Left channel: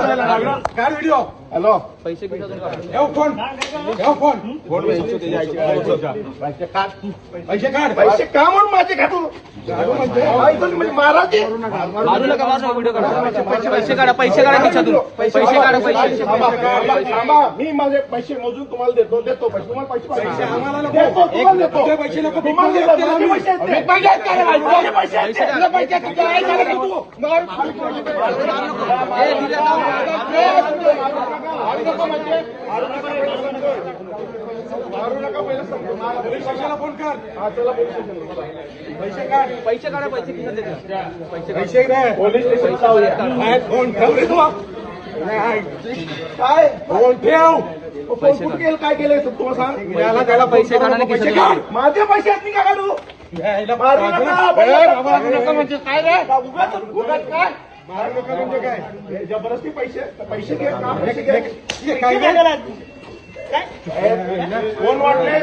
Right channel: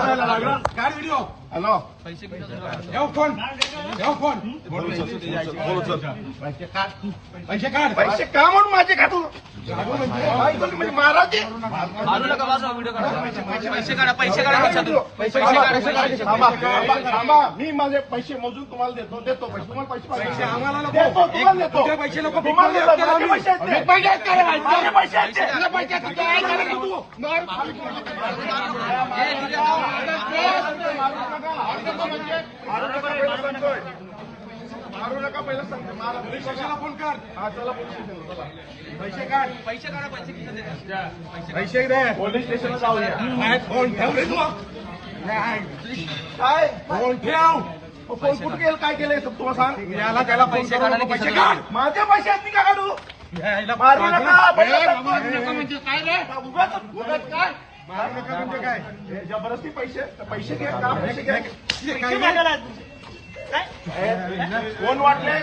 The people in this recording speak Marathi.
व्हिडिओ हॅलो पैसे फोन पैसे काढ पैसे का म्हणून माझे काढू म्हणजे महाराज मी माझे पैसे मोजून तुम्हाला देतो पैसे तुम्हाला पैसे आम्हाला देतो पैसे नको मारू नका पहिलं सांगतो कशाला फोन कर चला पोलीस स्टेशनला पैसे काढ पैसे पोलीस स्टेशन जाऊया फोन ठेव रे तू काय फोन ठेव फोन कुठे केलं काय केलंय तुम्हाला सांग त्याला पैसे माझे पैसे आहेत मी का काढू मारू नका म्हणजे काय रे उगाच काय मारू नका म्हणजे काय जबरदस्ती पैसे घे का पैसे घे काय कोण वाटले